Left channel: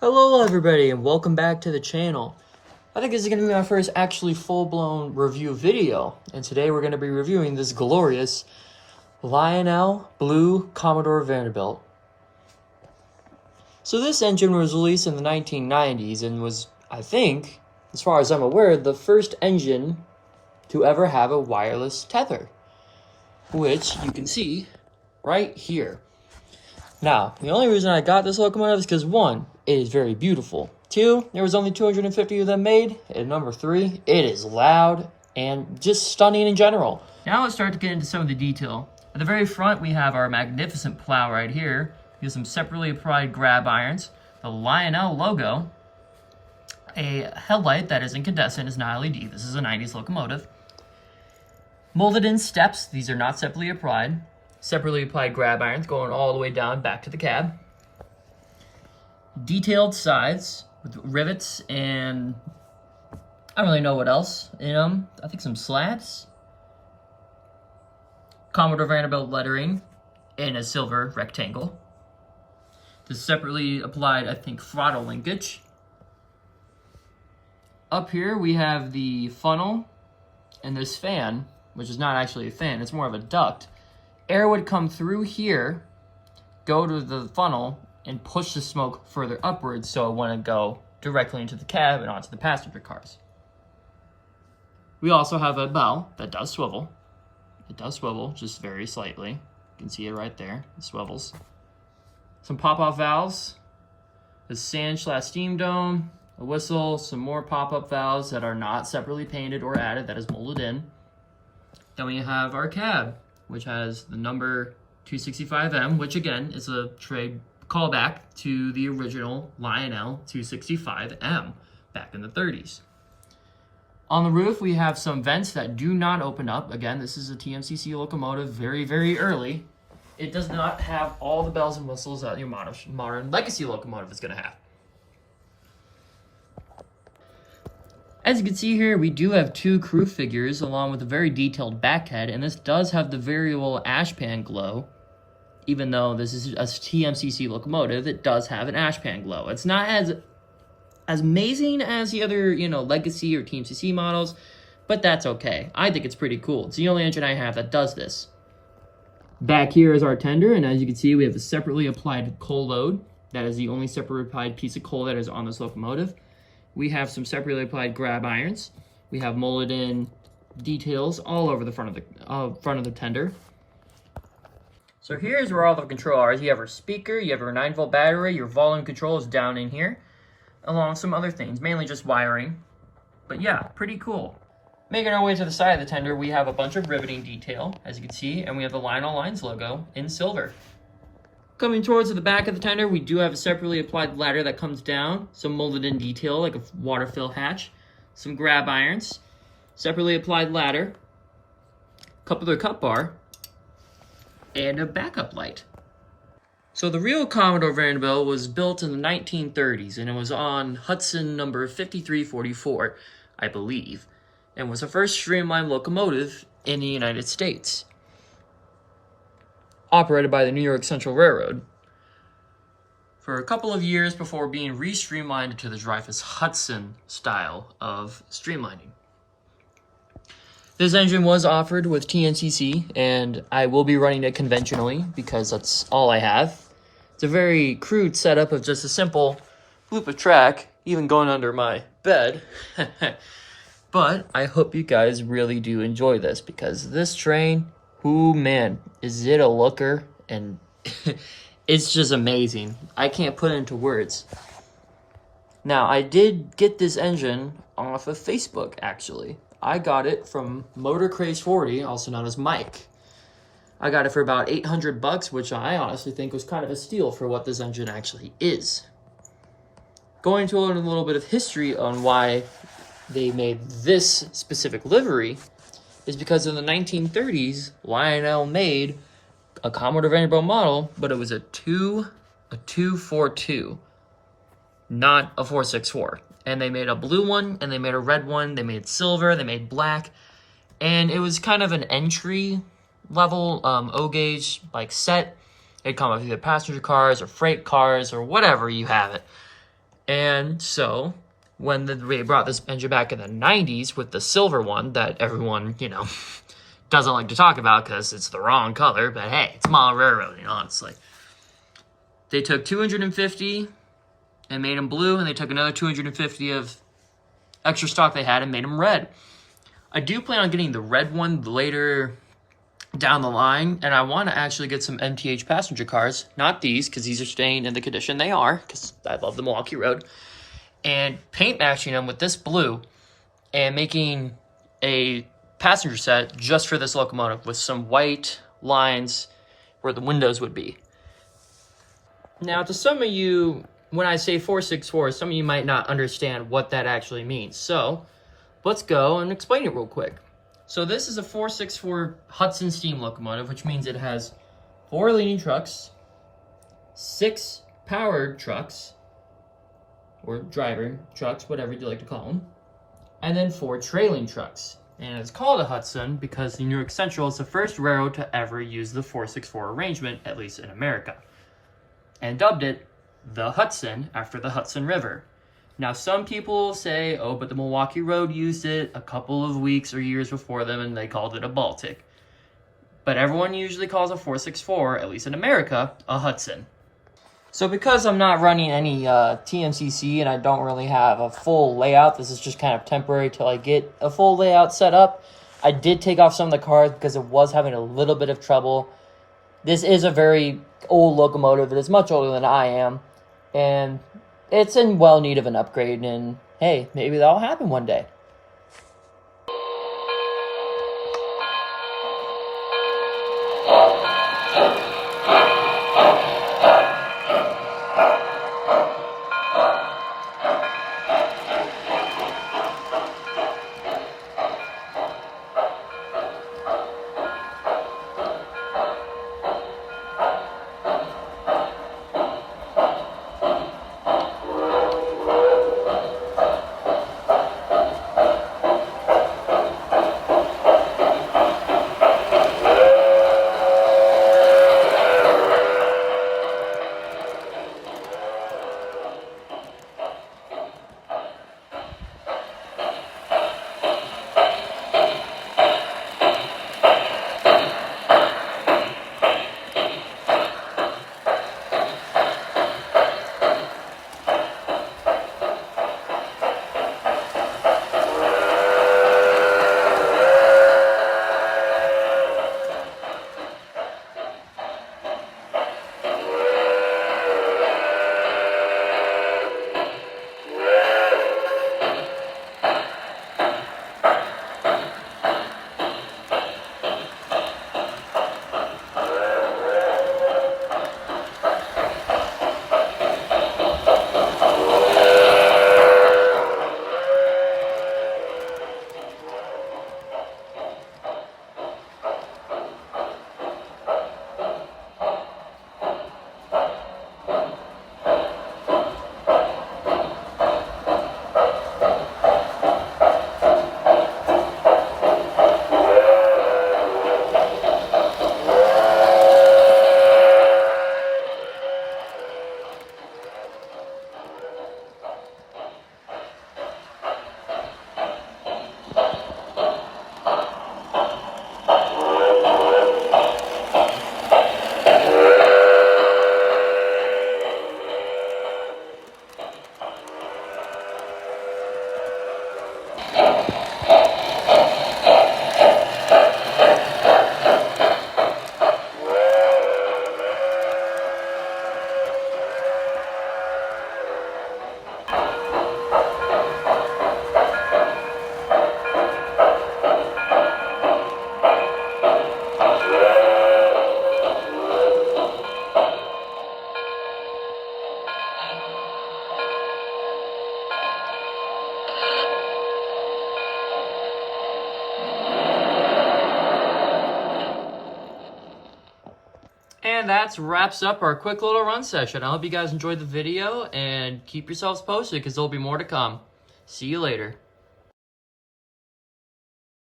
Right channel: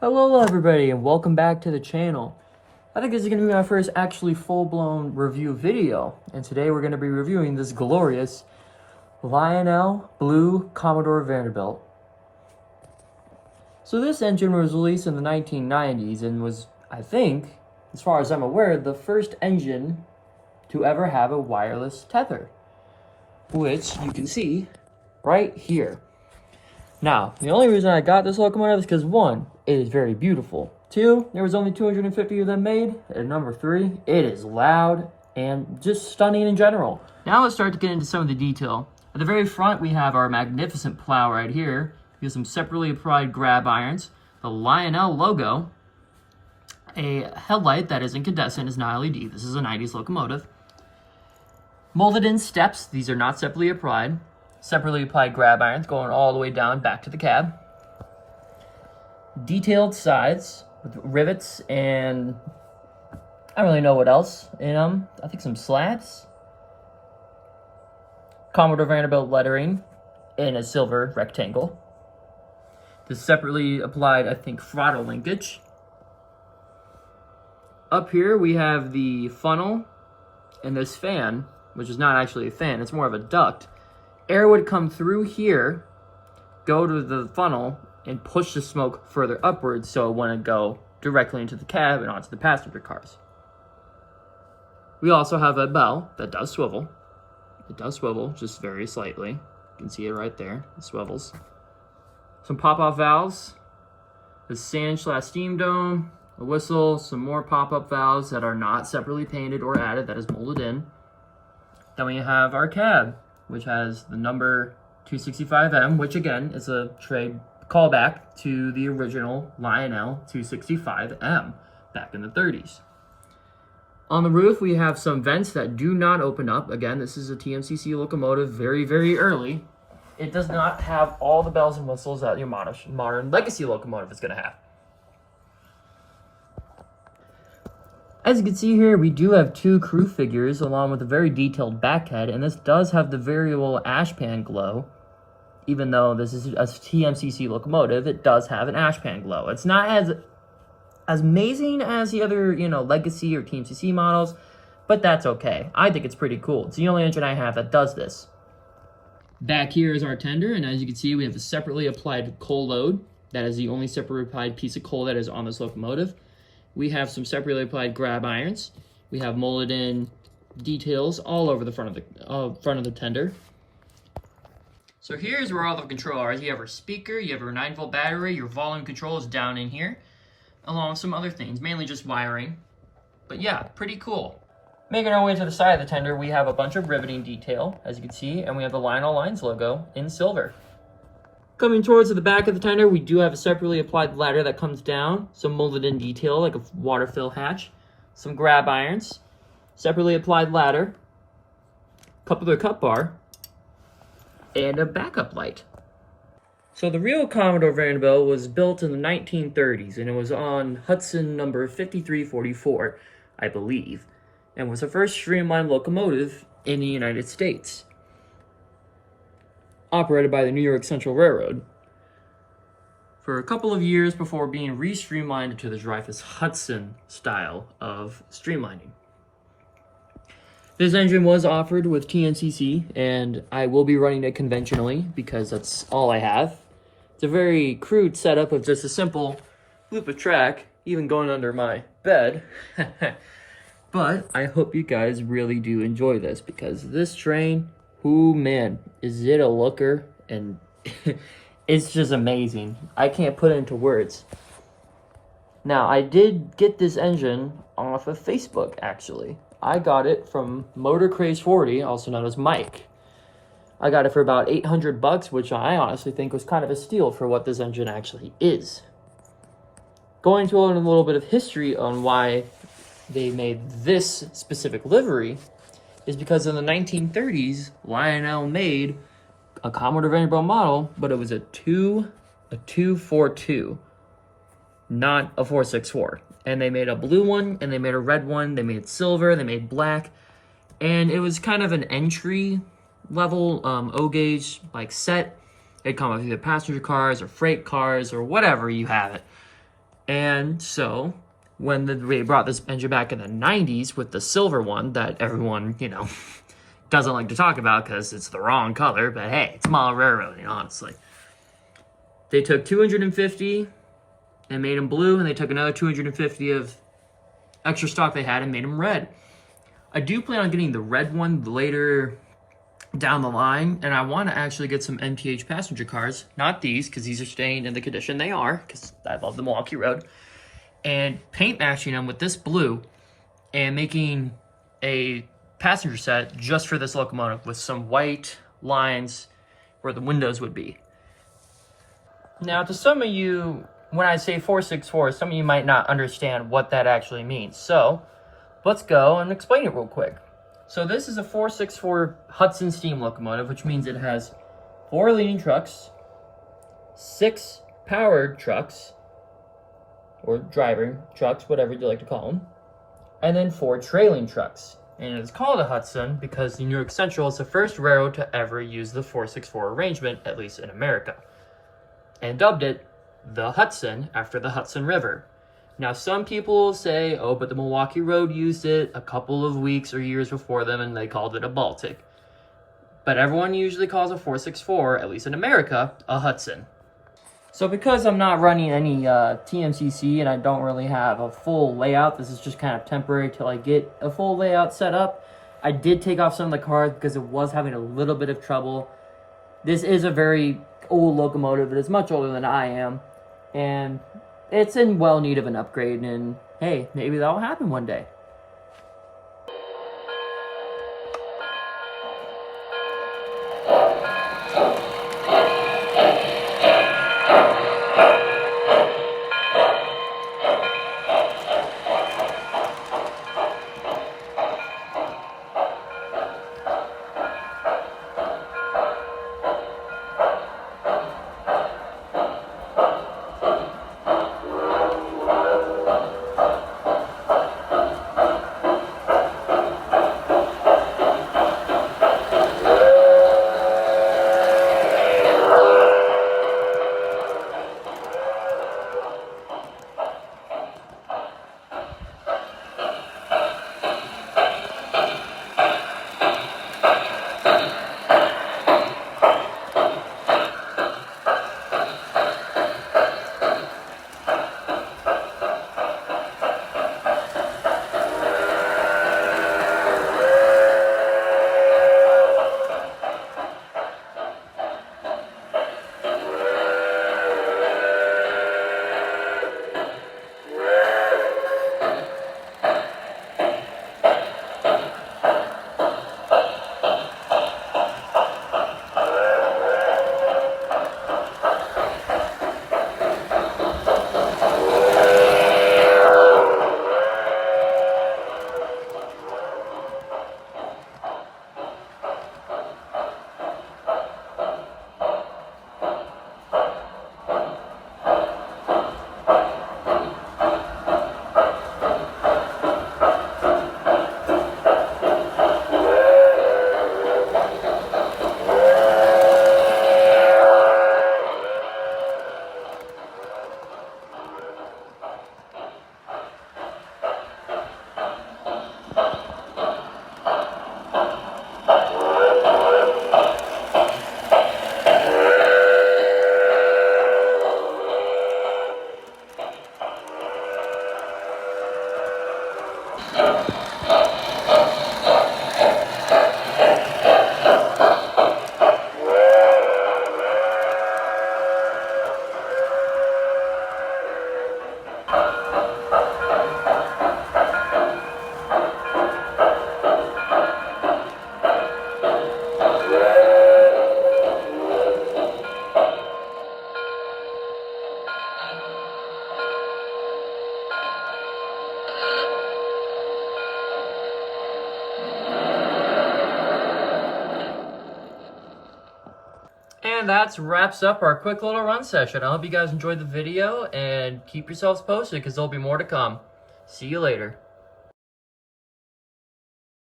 Hello everybody and welcome back to the channel. I think this is going to be my first actually full-blown review video, and today we're going to be reviewing this glorious Lionel Blue Commodore Vanderbilt. So this engine was released in the 1990s and was, I think, as far as I'm aware, the first engine to ever have a wireless tether, which you can see right here. Now, the only reason I got this locomotive is because, one, it is very beautiful. Two, there was only 250 of them made. And number three, it is loud and just stunning in general. Now let's start to get into some of the detail. At the very front, we have our magnificent plow right here. We have some separately applied grab irons, the Lionel logo, a headlight that is incandescent, is not LED. This is a 90s locomotive. Molded in steps. These are not separately applied. Separately applied grab irons going all the way down back to the cab. Detailed sides with rivets and I don't really know what else in them. I think some slats. Commodore Vanderbilt lettering in a silver rectangle. The separately applied, I think, throttle linkage. Up here we have the funnel and this fan, which is not actually a fan, it's more of a duct. Air would come through here, go to the funnel, and push the smoke further upwards so it wouldn't go directly into the cab and onto the passenger cars. We also have a bell that does swivel. It does swivel, just very slightly. You can see it right there, it swivels. Some pop-off valves, a sand/steam dome, a whistle, some more pop-up valves that are not separately painted or added, that is molded in. Then we have our cab, which has the number 265M, which again is a trade callback to the original Lionel 265M back in the 30s. On the roof, we have some vents that do not open up. Again, this is a TMCC locomotive, very, very early. It does not have all the bells and whistles that your modern legacy locomotive is going to have. As you can see here, we do have two crew figures along with a very detailed backhead, and this does have the variable ashpan glow. Even though this is a TMCC locomotive, it does have an ashpan glow. It's not as amazing as the other, legacy or TMCC models, but that's okay. I think it's pretty cool. It's the only engine I have that does this. Back here is our tender, and as you can see, we have a separately applied coal load. That is the only separately applied piece of coal that is on this locomotive. We have some separately applied grab irons. We have molded in details all over the front of the tender. So here's where all the control are. You have our speaker, you have our 9-volt battery, your volume control is down in here, along with some other things, mainly just wiring. But yeah, pretty cool. Making our way to the side of the tender, we have a bunch of riveting detail, as you can see, and we have the Lionel Lines logo in silver. Coming towards the back of the tender, we do have a separately applied ladder that comes down, some molded in detail like a water fill hatch, some grab irons, separately applied ladder, coupler cup bar, and a backup light. So the real Commodore Vanderbilt was built in the 1930s, and it was on Hudson number 5344, I believe, and was the first streamlined locomotive in the United States, operated by the New York Central Railroad, for a couple of years before being re-streamlined to the Dreyfuss-Hudson style of streamlining. This engine was offered with TNCC, and I will be running it conventionally because that's all I have. It's a very crude setup of just a simple loop of track, even going under my bed. But I hope you guys really do enjoy this, because this train, ooh man, is it a looker, and it's just amazing. I can't put it into words. Now, I did get this engine off of Facebook, actually. I got it from Motor Craze 40, also known as Mike. I got it for about $800, which I honestly think was kind of a steal for what this engine actually is. Going to learn a little bit of history on why they made this specific livery is because in the 1930s, Lionel made a Commodore Vanderbilt model, but it was a 242, not a 464. And they made a blue one, and they made a red one, they made silver, they made black, and it was kind of an entry level O-gauge like set. It'd come up with either passenger cars or freight cars or whatever you have it. And so when they brought this engine back in the 90s with the silver one that everyone, doesn't like to talk about because it's the wrong color, but hey, it's model railroading, honestly. They took 250 and made them blue, and they took another 250 of extra stock they had and made them red. I do plan on getting the red one later down the line, and I want to actually get some MTH passenger cars, not these, because these are staying in the condition they are, because I love the Milwaukee Road, and paint matching them with this blue and making a passenger set just for this locomotive with some white lines where the windows would be. Now, to some of you, when I say 464, some of you might not understand what that actually means. So, let's go and explain it real quick. So this is a 464 Hudson steam locomotive, which means it has 4 leading trucks, 6 powered trucks, or driver trucks, whatever you like to call them, and then 4 trailing trucks. And it's called a Hudson because the New York Central is the first railroad to ever use the 464 arrangement, at least in America, and dubbed it the Hudson after the Hudson River. Now, some people say, oh, but the Milwaukee Road used it a couple of weeks or years before them, and they called it a Baltic. But everyone usually calls a 464, at least in America, a Hudson. So because I'm not running any TMCC and I don't really have a full layout, this is just kind of temporary till I get a full layout set up. I did take off some of the cars because it was having a little bit of trouble. This is a very old locomotive. It is much older than I am. And it's in well need of an upgrade. And hey, maybe that'll happen one day. And that wraps up our quick little run session. I hope you guys enjoyed the video and keep yourselves posted because there'll be more to come. See you later.